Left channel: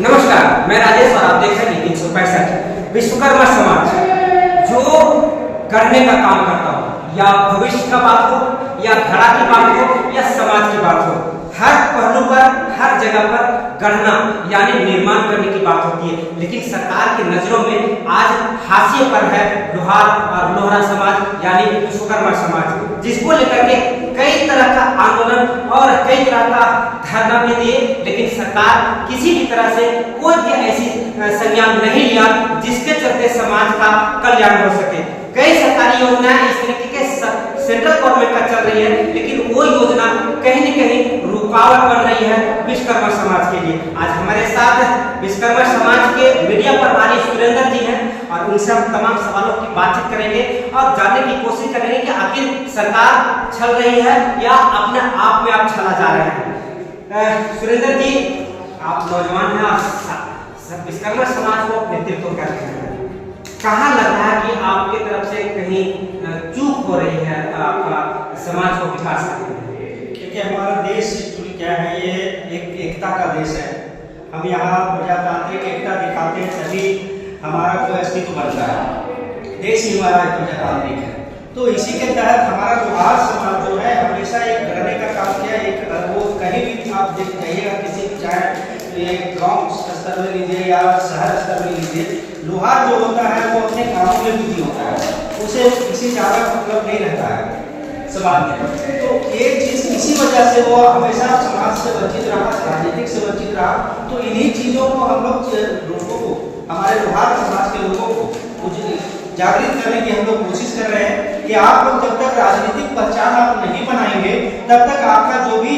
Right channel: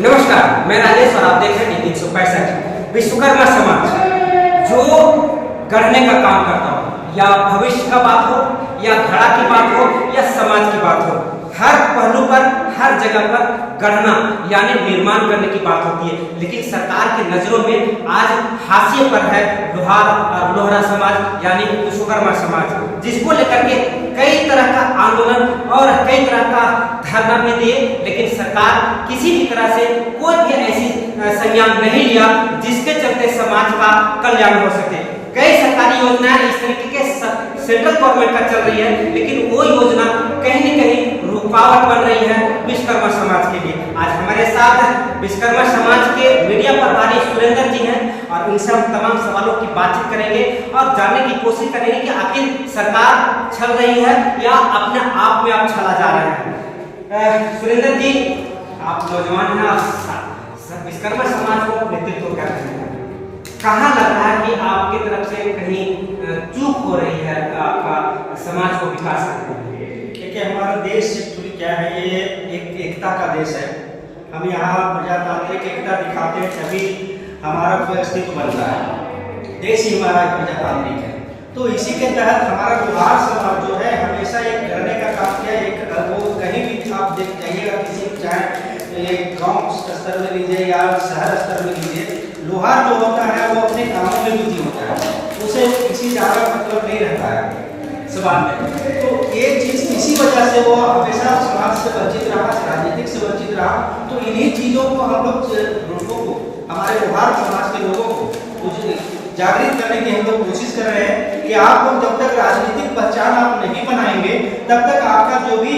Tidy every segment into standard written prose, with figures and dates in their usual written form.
नमस्कार, मैं राजेश और आप देख रहे हैं 365 विश्वकर्मा समाज जो करने का काम करता हो, या भविष्य का बात हो, या धड़ा की बात हो, या समाज की बात हो, हर पहलू पर, हर जगह पर गढ़ना यानी निर्माण करने की बात होती है। लेकिन सरकार की नजरों में आज हाशिए पर है लोहारा समाज यानी विश्वकर्मा समाज, जिसको लेकर के कई तरह का आंदोलन और कई तरह का धरना भी दिए, लेकिन सरकार किसी भी तरह से कोई भी ऐसी संज्ञान नहीं लिया जिसके चलते समाज का कल्याण हो सके। कई सरकारी योजनाएं इस तरीके के सेंट्रल गवर्नमेंट का चल रही है, लेकिन वो योजना कहीं न कहीं रुकावट बन रही है विश्वकर्मा समाज के लिए। आज हमारे साथ विश्वकर्मा समाज के मीडिया प्रभारी सुरेंद्र जी हैं और उनसे हम तमाम सवालों की बातचीत करेंगे और जानने की कोशिश करेंगे कि आखिर सरकार छल रही है या अपने आप में आप छला जा रहे हैं। सुरेंद्र जी, आप नौजवान हैं और विश्वकर्मा समाज को नेतृत्व कर रहे हैं, कहाँ लग रहा है कि आपकी तरफ से कहीं चूक हो रही है, आपका समाज को विकास आने में? देखिए, हमारा देश एक्चुअली क्या है, ये एक एकता का देश है। हम यहाँ प्रजातांत्रिक एकता दिखाते हैं तभी हमारा कोई अस्तित्व बनता है। देश ही हमारा प्रजातांत्रिक है, तो इसी के तहत हमारा लोहार समाज जो है हमेशा एक करने का काम किया। एक वो कहीं भी आप देख जाइएगा, किसी चाहे एक गांव स्तर में लीजिए या शहर स्तर में लीजिए, लोहार जो होता है वो अपने कामों में बिजी होता है, उसे किसी ज़्यादा मतलब नहीं रहता है समाज में। तो एक चीज़ इसी वजह से वो हमेशा समाज से वंचित रहा, राजनीतिक से वंचित रहा। तो इन्हीं चीज़ों को हम लोगों को, हमारे लोहार समाज के लोगों को कुछ जागृत करने की हम लोग कोशिश कर रहे हैं कि आप लोग जब तक राजनीतिक पहचान आप नहीं बनाएंगे तब तक आपका जो भी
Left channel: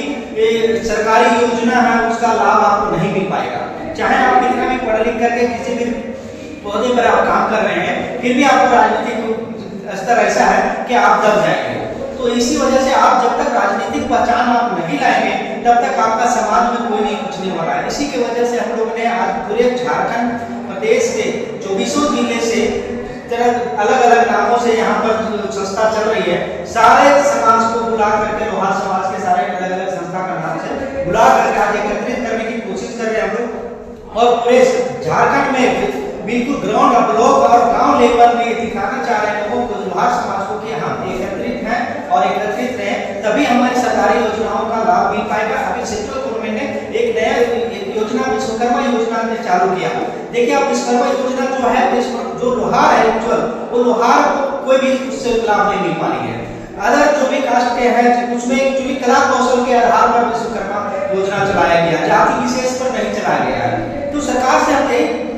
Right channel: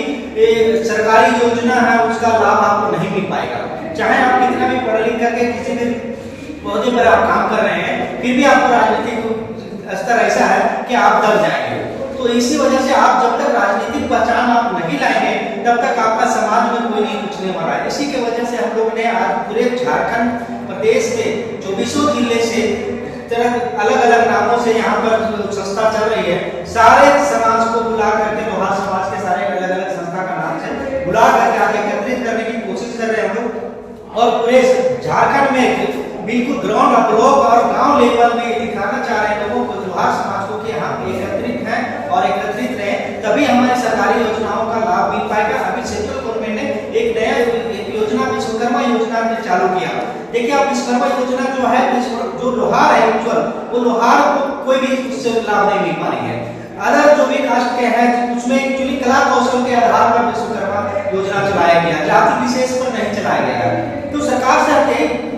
सरकारी योजना है उसका लाभ आपको नहीं मिल पाएगा। चाहे आप कितना भी पढ़ लिख करके किसी भी पौधे पर आप काम कर रहे हैं, फिर भी आपको राजनीतिक स्तर ऐसा है कि आप दब जाएंगे। तो इसी वजह से आप जब तक राजनीतिक पहचान आप नहीं लाएंगे तब तक आपका समाज में कोई नहीं पूछने वाला है। इसी की वजह से हम लोग ने आज पूरे झारखंड प्रदेश के 24 जिले से अलग अलग नामों से यहाँ पर संस्था चल रही है, सारे समाज को बुला करके, लोहार समाज के सारे अलग अलग संस्था का नाम से बुला करके आज एकत्रित करने की कोशिश कर रहे हैं हम लोग। और पूरे झारखंड में बिल्कुल ग्राउंड, ब्लॉक और गांव लेवल में ये दिखाना चाह रहे हैं लोगों को, लोहार समाज को, कि हम एकत्रित हैं और एकत्रित रहे तभी हमारी सरकारी योजनाओं का लाभ मिल पाएगा। अभी सेंट्रल गवर्नमेंट ने एक नया योजना विश्वकर्मा योजना ने चालू किया। देखिए, आप विश्वकर्मा योजना जो है, जो लोहार है एक्चुअल, वो लोहार को कोई भी उससे लाभ नहीं मिल पानी है। अदर जो भी कास्ट के हैं उसमें एक्चुअली कला कौशल के आधार पर विश्वकर्मा योजना चलाया गया, जाति विशेष पर नहीं चलाया गया है। तो सरकार से हम यही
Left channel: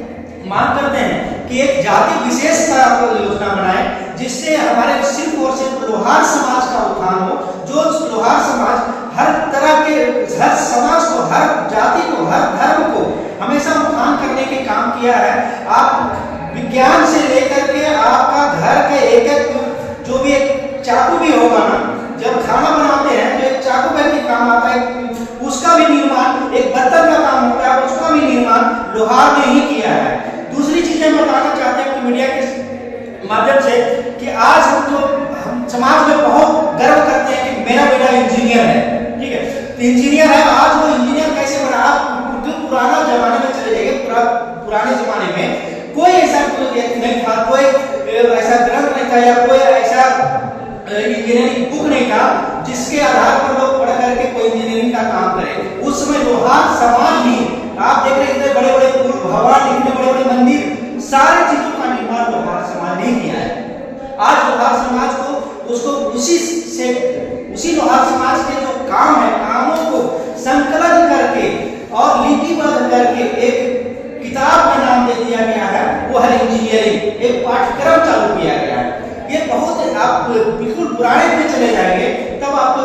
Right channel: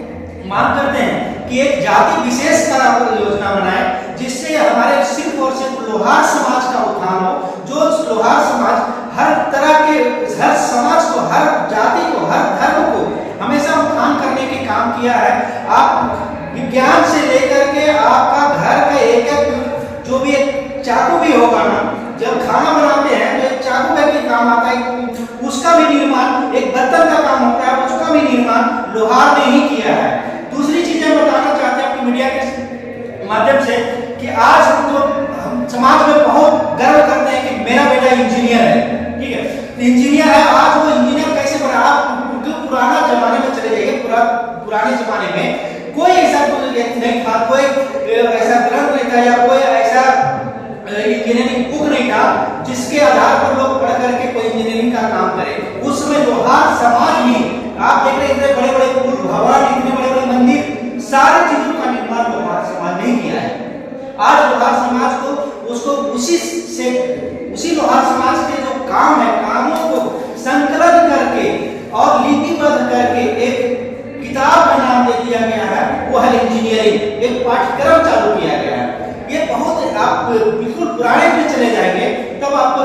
मांग करते हैं कि एक जाति विशेष का योजना बनाए जिससे हमारे सिर्फ और सिर्फ लोहार समाज का उत्थान हो। जो लोहार समाज हर तरह के, हर समाज को, हर जाति को, हर धर्म को हमेशा उत्थान करने के काम किया है। आप विज्ञान से लेकर के आपका घर का एक एक जो भी एक चाकू भी होगा ना, जब खाना बनाते हैं तो एक चाकू का भी काम आता है, उसका भी निर्माण, एक बर्तन का काम होता है उसका भी निर्माण लोहार ने ही किया है। दूसरी चीजें बताना चाहते हैं अपनी मीडिया के माध्यम से कि आज हम समाज में बहुत गर्व करते हैं कि मेरा बेटा इंजीनियर है, ठीक है, तो इंजीनियर है। आज वो इंजीनियर कैसे बना? आप पुराना जमाने में चले जाइए, पुराने जमाने में कोई ऐसा नहीं था, कोई ऐसा ग्रंथ नहीं था या कोई ऐसा इंजीनियरिंग बुक नहीं था जिसके आधार पर लोग पढ़ करके कोई इंजीनियरिंग का काम करे। उस समय लोहार समाज भी, आप देख रहे हैं इतने बड़े बड़े पुल, भवन, इतने बड़े बड़े मंदिर, सारी चीजों का निर्माण लोहार समाज ने किया है। आज लोहार समाज को उसको उसी लोहार समाज के जो काम है, कामों को संकलन करके और लिपिबद्ध करके एक किताब का नाम दे दिया गया है, वो है इंजीनियरिंग। एक पाठ्यक्रम चालू किया गया है। ये बहुत, आप बिल्कुल पुराने में चले जाएंगे तब आपको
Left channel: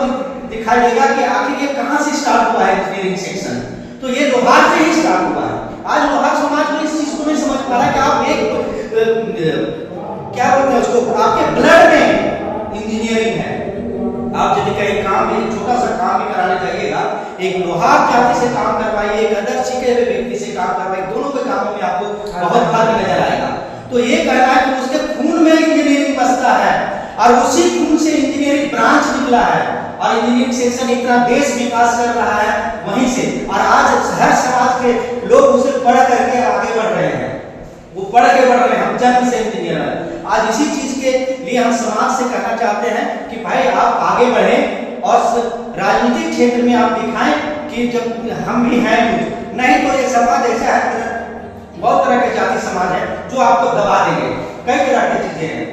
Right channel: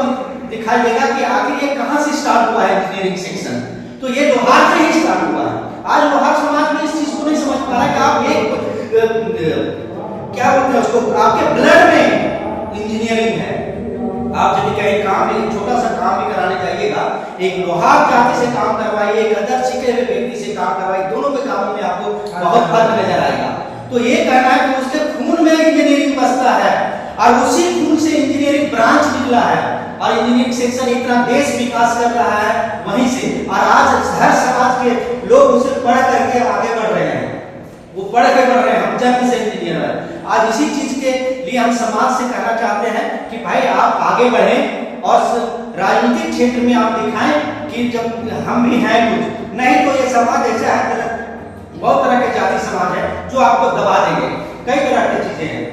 दिखाई देगा कि आखिर ये कहां से स्टार्ट हुआ है इंजीनियरिंग सेक्शन। तो ये लोहार से ही स्टार्ट हुआ है। आज लोहार समाज में इस चीज को नहीं समझ पा रहा है कि आप एक क्या बोलते हैं उसको, आपके ब्लड में इंजीनियरिंग है। आप यदि कहीं काम भी, छोटा सा काम भी कराने जाइएगा, एक लोहार जाति से काम करवाइए, एक अदर सीखे हुए व्यक्ति से काम करवाइए, दोनों के कामों में आपको बहुत फर्क नजर आएगा। तो ये कहना है कि उसके खून में इंजीनियरिंग बसता है और उसी खून से इंजीनियरिंग ब्रांच निकला है। और इंजीनियरिंग सेक्शन इतना देश विकास कर रहा है वहीं से, और आज हर समाज के लोग उसे पढ़ करके आगे बढ़ रहे हैं, वो पढ़ के बढ़ रहे हैं। हम जन्म से इंजीनियर हैं। आज इसी चीज के लिए हम समाज से कहना चाहते हैं कि भाई आप आगे बढ़ें और राजनीतिक क्षेत्र में आप दिखाएं कि जब हम भी हैं कुछ, नहीं तो ये समाज ऐसा है, बहुत तरह के जाति समाज है जो आपको दबा देंगे, कई तरह की चीजें हैं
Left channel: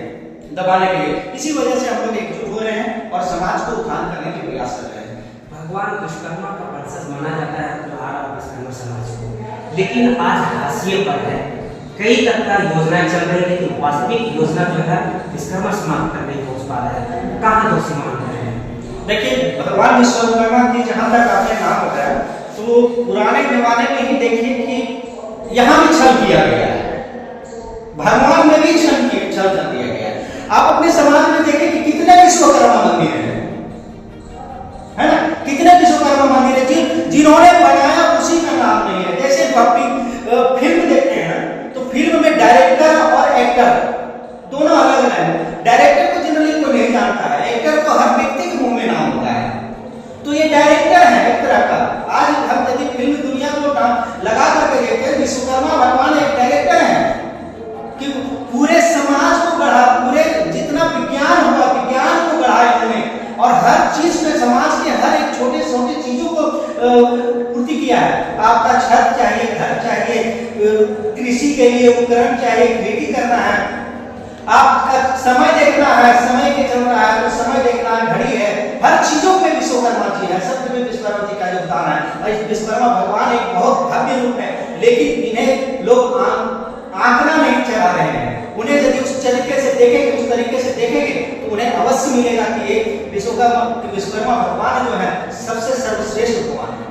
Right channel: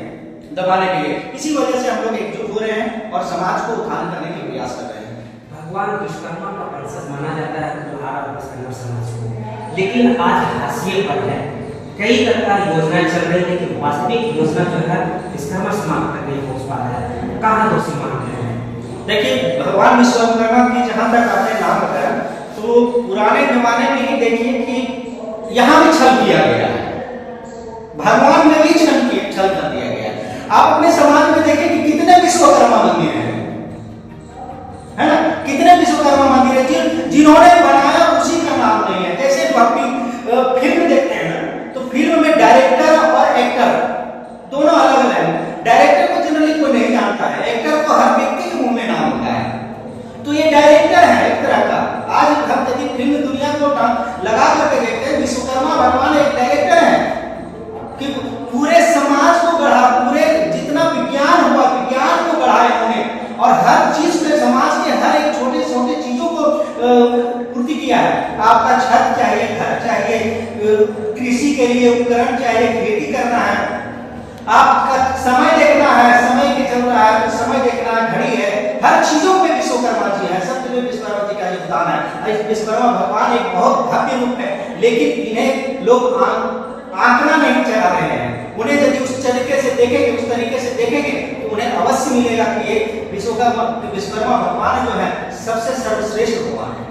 दबाने के लिए। इसी वजह से हम लोग एकजुट हो रहे हैं और समाज को उत्थान करने के प्रयास कर रहे हैं। भगवान विश्वकर्मा का वंशज माना जाता है लोहारा विश्वकर्मा समाज को, लेकिन आज हाशिए पर है। कई तरह की योजनाएं चल रही है, लेकिन वास्तविक योजना जो है विश्वकर्मा समाज तक नहीं पहुंच पा रहा है। कहाँ दोषी मानते हैं? देखिए, भगवान विश्वकर्मा की जहां तक आपने नाम बताया, तो पुराने जमाने में ही देखिए कि यहाँ भी छल किया गया है, भगवान में भी छल कर दिया गया है। आप अपने समाज में देखें कि कितने विश्वकर्मा मंदिर हैं, है ना? कितने विश्वकर्मा मंदिर है जिन्होंने बनाया उसी का नाम नहीं है। जैसे फिल्म देखते हैं ना, तो फिल्म में डायरेक्टर और एक्टर दोनों अलग अलग हैं। डायरेक्टर को जनरली कोई नहीं जानता है, एक्टर को हर व्यक्ति के मुंह में नाम होता है, तो ये डायरेक्टर है एक तरह का। आज हम यदि फिल्म दुनिया को लगा करके देखते हैं, विश्वकर्मा भगवान एक डायरेक्टर है कि पूरे समाज को गढ़ा, पूरे जितना विज्ञान हुआ विज्ञान को गढ़ाया उन्होंने, और हर चीज में समाज के हर एक छोटे छोटे चीजों को पूर्ति किया है। आपका छत चाहिए, घर चाहिए, कृषि के लिए उपकरण चाहिए, खेती करना है, आपका समय देखना है, समय के चल रहा है तो समय देखना है, घड़ी है, हर चीजों में विश्वकर्मा जी है, सब में विश्वकर्मा जी का योगदान है। विश्वकर्मा भगवान एक बहुत भव्य रूप है, लेकिन इन्हें लोग आंकड़ा नहीं चला रहे हैं। उन्हें यदि उस तरीके से देखेंगे तो उन्हें अवश्य मिलेगा कि ये विश्वकर्मा भगवान जो है सबसे सर्वश्रेष्ठ भगवान है।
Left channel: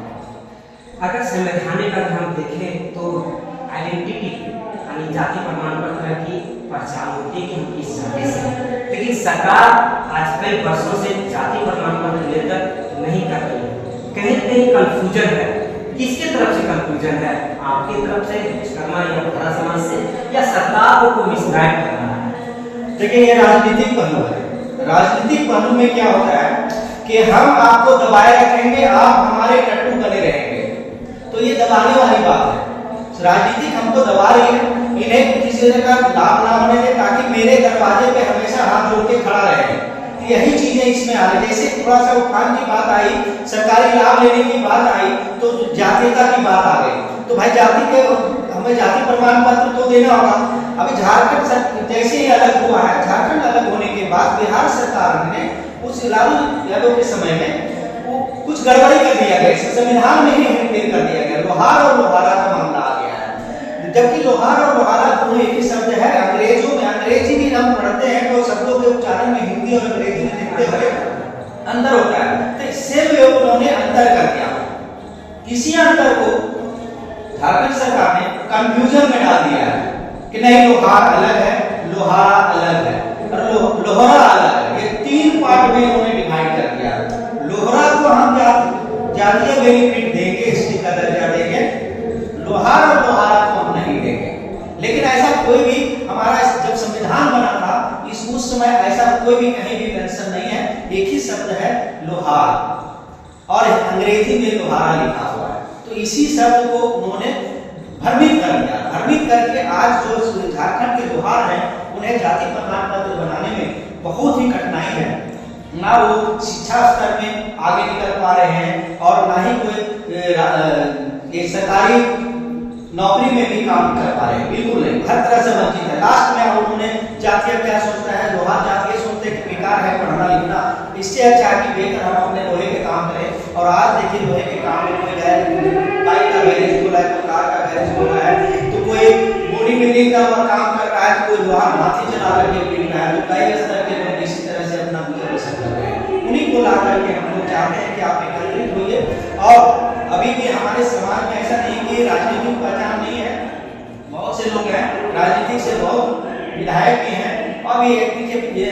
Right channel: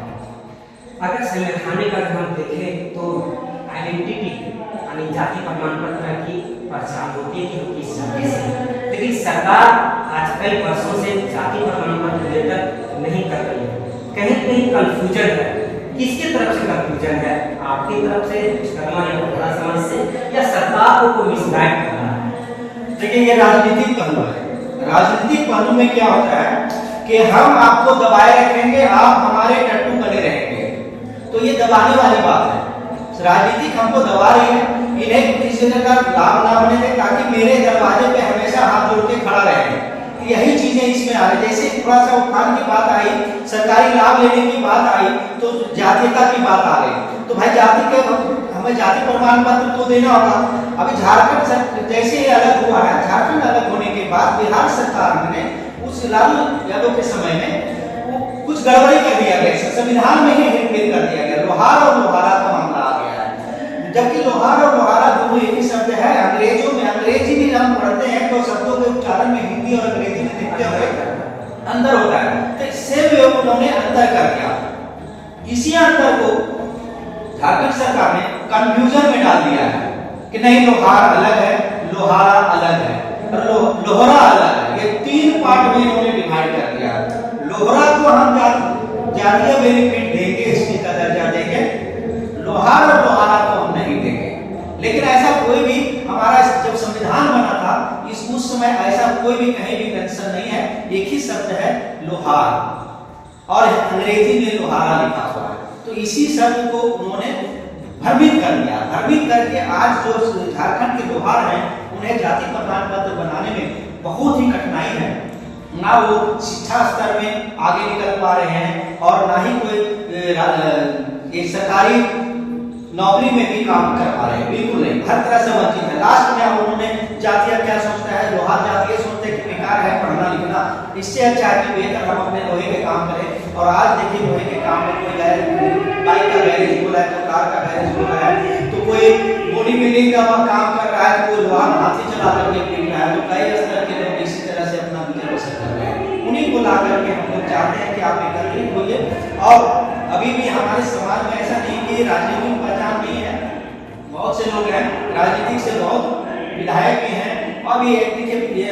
अगर संवैधानिक अगर हम देखें तो आइडेंटिटी यानी जाति प्रमाण पत्र की पहचान होती है कि हम किस जाति से हैं, लेकिन सरकार आज कई वर्षों से जाति प्रमाण पत्र निर्गत नहीं कर रही है। कहीं कहीं कंफ्यूजन है। किसकी तरफ से कंफ्यूजन है? आपकी तरफ से, विश्वकर्मा या लोहारा समाज से, या सरकार को कोई मिसगाइड कर रहा है? देखिए, ये राजनीतिक पहलू है। राजनीतिक पहलू में क्या होता है कि हम आपको दबाए रखेंगे, आप हमारे टट्टू बने रहेंगे, तो ये दबाने वाली बात है। राजनीतिक हमको दबा रही है, इन्हें किसी का लाभ ना होने दे, ताकि मेरे दरवाजे पे हमेशा हाथ जोड़ के खड़ा रहे। यही चीजें इसमें आ रही। जैसे थोड़ा सा उत्थान की बात आई, सरकारी लाभ लेने की बात आई, तो जातीयता की बात आ गई। तो भाई जाति के हमें जाति प्रमाण पत्र तो देना होगा। अभी झारखंड जैसे ही अलग हुआ है, झारखंड अलग होने के बाद बिहार सरकार ने उस लालू यादव के समय में कुछ गड़बड़ी कर दिया गया, संविधान में ही हेरफेर कर दिया गया। लोहार और लोहारा का मामला आ गया है, जबकि लोहार और लोहारा दोनों एक ही शब्द है। अंग्रेजों में अंग्रेजी भी हम पढ़ते हैं तो शब्दों के उच्चारण में हिंदी और अंग्रेजी में देखते हुए अंतर होता है, तो इससे भी उन्होंने अंतर कर दिया। इसी अंतर को झारखंड सरकार ने कंफ्यूजन में डाल दिया है कि नहीं, लोहार अलग है, लोहारा अलग है और लोहरा अलग है। ये तीन पार्ट में इन्होंने डिवाइड कर दिया। लोहरा को हम जातीय बेनिफिट देंगे, इसकी का दर्जा देंगे, लोहार और लोहारा को हम नहीं देंगे। लेकिन ऐसा कोई भी हमारा जब संविधान बना था उस समय ऐसा कोई भी कहीं भी मेंशन नहीं है। एक ही शब्द है लोहार और अंग्रेजी में लोहारा लिखा हुआ है, तो इसी शब्द को उन्होंने भ्रमित कर दिया। भ्रमित करके आज जो झारखंड के लोहार हैं उन्हें जाति प्रमाण पत्र बनाने में बहुत ही कठिनाई है। ना वो शिक्षा स्तर में आगे निकल पा रहे हैं और ना ही कोई सरकारी नौकरी में भी काम कर पा रहे हैं, बिल्कुल नहीं, हर तरह से वंचित है। लास्ट में उन्होंने जातीय क्या सोचता है, लोहार जातीय सोचते कि बेकार है पढ़ना लिखना, इससे अच्छा है कि बेहतर हम अपने लोहे के काम करें। और आज देखिए लोहे के काम में कोई बाइक का गैरेज खोला है, कोई कार का गैरेज खोला है, तो कोई बॉडी बिल्डिंग का काम कर रहा है, कोई लोहार हाथी चला करके बिक रहा है, तो कई स्तर के लोग इसी तरह से अपना गुजर बसर कर रहे हैं। उन्हीं को ला करके हम लोग चाहते हैं कि आप एकत्रित होइए। और अभी भी हमारे समाज में ऐसा नहीं कि राजनीतिक पहचान नहीं है, बहुत से लोग हैं राजनीतिक से, बहुत विधायक भी हैं, और भी एक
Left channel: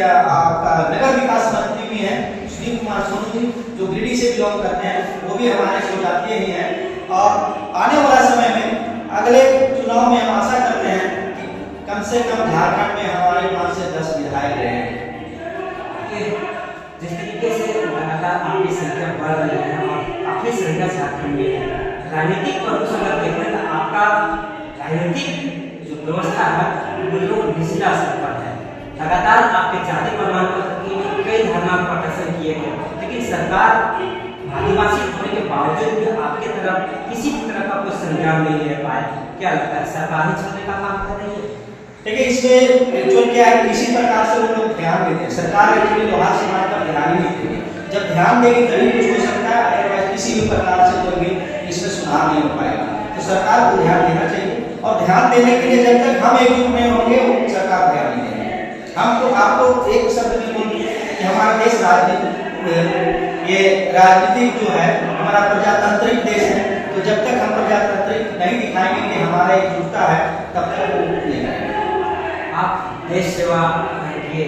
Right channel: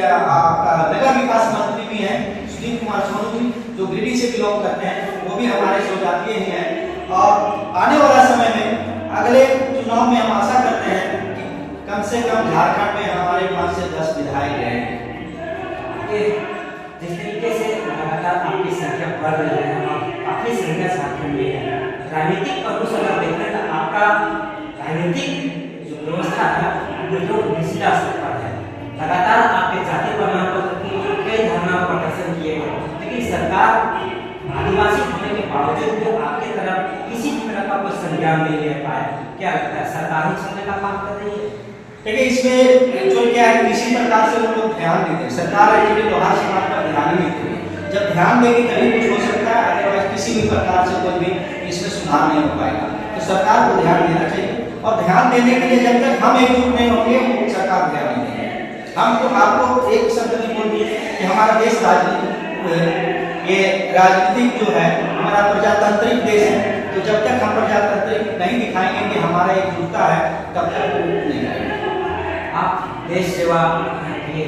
आपका नगर विकास मंत्री भी हैं सुशील कुमार सोनू जी, जो गिरिडीह से बिलोंग करते हैं, वो भी हमारे जनजातीय ही हैं। और आने वाला समय में अगले चुनाव में हम आशा करते हैं कि कम से कम झारखंड में हमारे 5 से 10 विधायक रहेंगे। जिस तरीके से लगातार आपकी संख्या बढ़ रही है और काफी संख्या झारखंड में है, राजनीतिक पक्ष अगर देखें तो आपका राजनीतिक जो व्यवस्था है वो लोग निचला स्तर पर है। लगातार आपके जाति प्रमाण पत्र के लिए कई धरना प्रदर्शन किए गए, लेकिन सरकार आदिवासी होने के बावजूद भी आपके तरफ किसी भी तरह का कोई संज्ञान नहीं ले पाया। क्या लगता है सरकार ही छलने का काम कर रही है? देखिए, इसमें एक्चुअल क्या है, किसी प्रकार से वो लोग ध्यान देते हैं। सरकार एक्चुअली लोहार समाज पर ध्यान ही नहीं देती है। जब ध्यान देगी तभी कुछ हो सकता है, अदरवाइज किसी भी प्रकार से कोई भी इसमें सुधार नहीं हो पाएगा। तो सरकार को ध्यान देना चाहिए, और ध्यान देने के लिए जब तक हम एकजुट नहीं होंगे वो सरकार ध्यान नहीं देंगे। हम तो आपको एक शब्द भी बोल दिए कि हमारा देश ये राजनीतिक जो है हमारा प्रजातांत्रिक देश है। तो जब तक हम प्रजातांत्रिक नहीं दिखाएंगे कि हमारा एकजुटता है, तब तक वो नहीं आएगा। आप देश सेवा के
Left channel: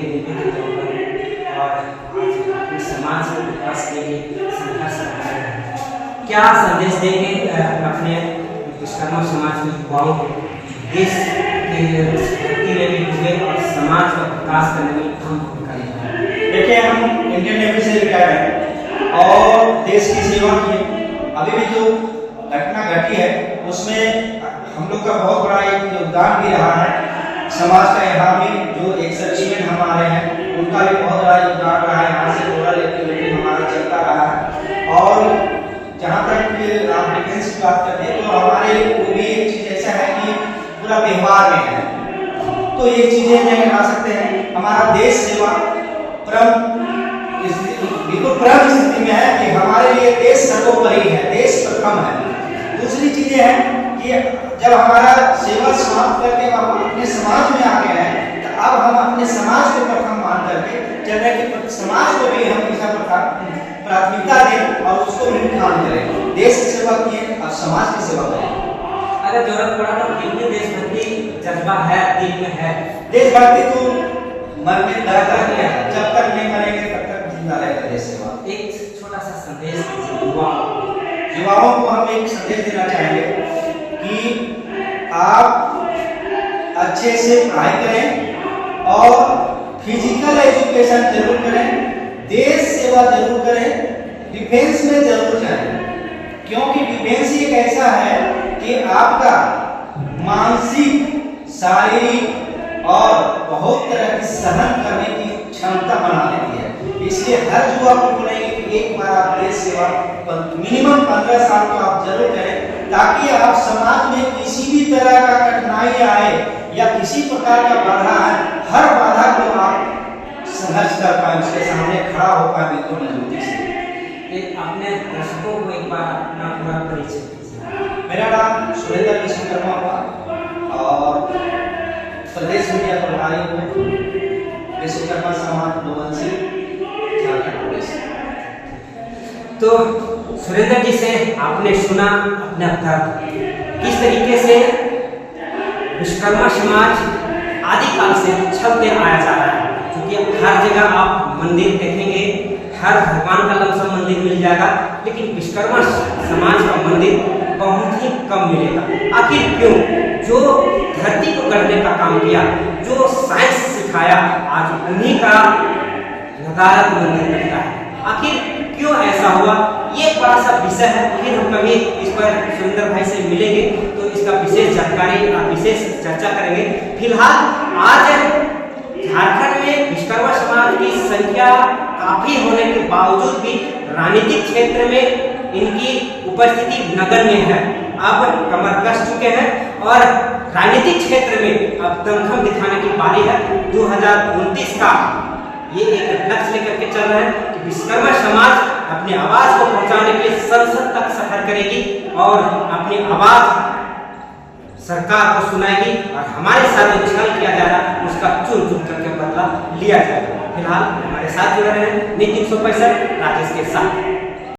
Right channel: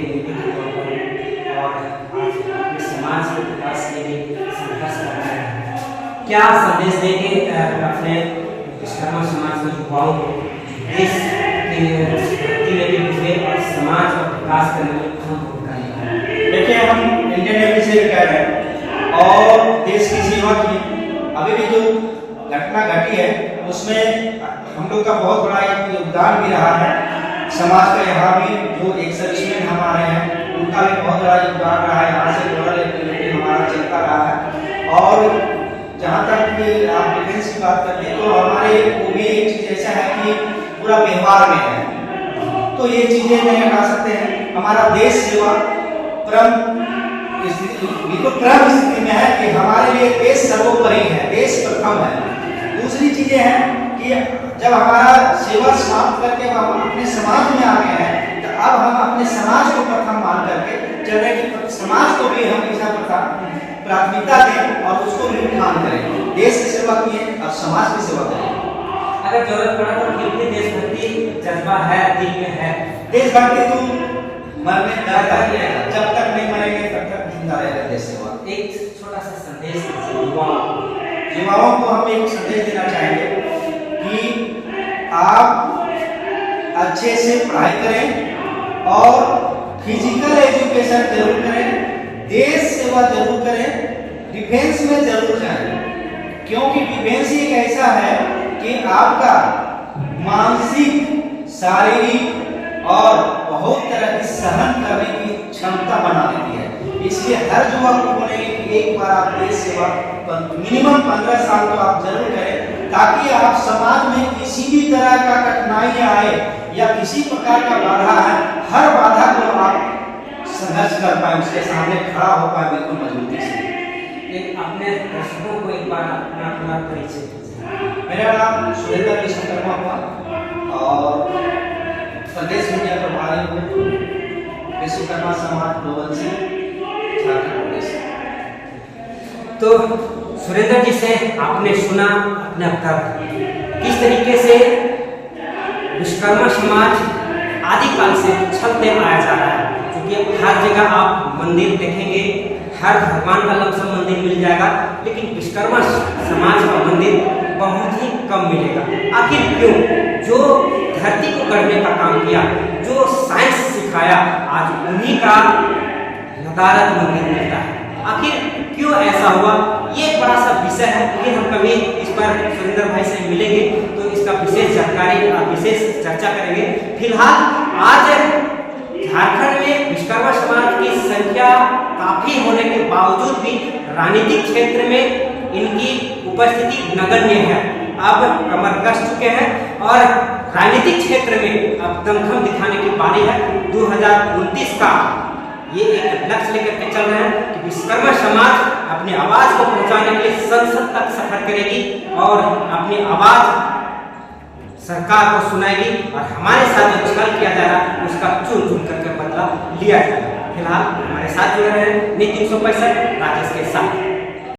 और आज समाज के विकास के लिए संघर्ष कर रहे हैं, क्या संदेश देंगे अपने विश्वकर्मा समाज के युवाओं को देश के भक्ति में भी डूबे और समाज का विकास करने में अहम भूमिका निभाएं? देखिए, हम इंडियन नेवी से रिटायर हैं और देश की सेवा की। अभी भी जो घटना घटी है उसमें हम लोग का बहुत बड़ा एक योगदान भी रहा है। समाज का यहाँ भी जो एक सर्विसमैन हमारे हैं उनका भी बहुत बड़ा योगदान रहा है। यहाँ से रूरल एक्टिविटी हमारा चलता रहा है। और जहाँ तक आप डिफेंस की बात करते हैं तो हमारे वो भी एक चीज़ ऐसा है कि पूरा व्यवहार में है, तो ये चीज़ें नहीं हटा सकते हैं। हमारा देश सेवा बिल्कुल प्रथम स्थिति में है कि हमारे लिए देश सर्वोपरि है, देश प्रथम है। दूसरी चीजें हैं कि जब हमारा सेवा समाप्त करके हम अपने समाज में आ गए हैं, तो अब हम अपने समाज को प्रथम मान करके चल रहे हैं कि समाज को भी हम हमेशा प्राथमिकता दें और उसको भी ध्यान करें। देश की सेवा किए, अब समाज की सेवा करें। अगर जरूरत पड़ा तो फिर भी देशभक्ति जज्बा है, दिल में है। देशभक्ति तो मन में दर्द है, जब तक नहीं मरेंगे तब तक जिंदा रहेगा देश सेवा। एक छोटा सा संदेश युवाओं को हम एक संदेश देना चाहेंगे कि आप अच्छे से पढ़ाई करें और फिजिकल एजुकेशन जरूर करें, देश सेवा जरूर करें, डिफेंस में जरूर जाएं, क्योंकि डिफेंस एक ऐसा है कि आपका मानसिक, शारीरिक और बहुत तरह की सहन करने की क्षमता बना देती है। इसलिए हर युवा को बोलेंगे कि एक बार आप देश सेवा मिनिमम 15 साल तो आप जरूर करें, ताकि आप समाज में किसी भी तरह का कठिनाई आए या किसी प्रकार का बाधा आए, हर बाधा को आप संघर्ष कर पाए, उसके सामने खड़ा हो पाए बिल्कुल मजबूती से। अपने दर्शकों को एक बार अपना पूरा परिचय दीजिए। मेरा नाम सुरेंद्र विश्वकर्मा हुआ और प्रदेश मीडिया प्रभारी हूँ, विश्वकर्मा समाज ग्लोबल से झारखंड प्रदेश। तो सुरेंद्र जी से आपने सुना अपने तर्क, किस तरीके से विश्वकर्मा समाज आदिकाल से चलते आया जा रहा है। क्योंकि हर जगह आप मंदिर देखेंगे, हर भगवान का लमसम मंदिर मिल जाएगा, लेकिन विश्वकर्मा समाज का मंदिर बहुत ही कम मिलेगा। आखिर क्यों? जो धरती को गढ़ने का काम किया, जो साइंस सिखाया, आज उन्हीं का नदारत मंदिर मिलता है। आखिर क्यों ऐसा हुआ? ये एक बड़ा सा विषय है, लेकिन हम कभी इस पर सुरेंद्र भाई से मिलेंगे तो इसका विशेष जानकारी और विशेष चर्चा करेंगे। फिलहाल आज झारखंड में विश्वकर्मा समाज की संख्या काफी होने के बावजूद भी राजनीतिक क्षेत्र में इनकी उपस्थिति नगण्य है। अब कमर कस चुके हैं और राजनीतिक क्षेत्र में अब दमखम दिखाने की बारी है। 2029 का ये एक लक्ष्य लेकर के चल रहे हैं कि विश्वकर्मा समाज अपनी आवाज को पहुंचाने के लिए संसद तक सफर करेगी और अपनी आवाज सरकार को सुनाएगी और हमारे साथ जो छल किया जा रहा है उसका चुन चुन करके बदला लिया जाएगा। फिलहाल हमारे साथ जुड़ रहे हैं नितिन 165 राजेश के साथ।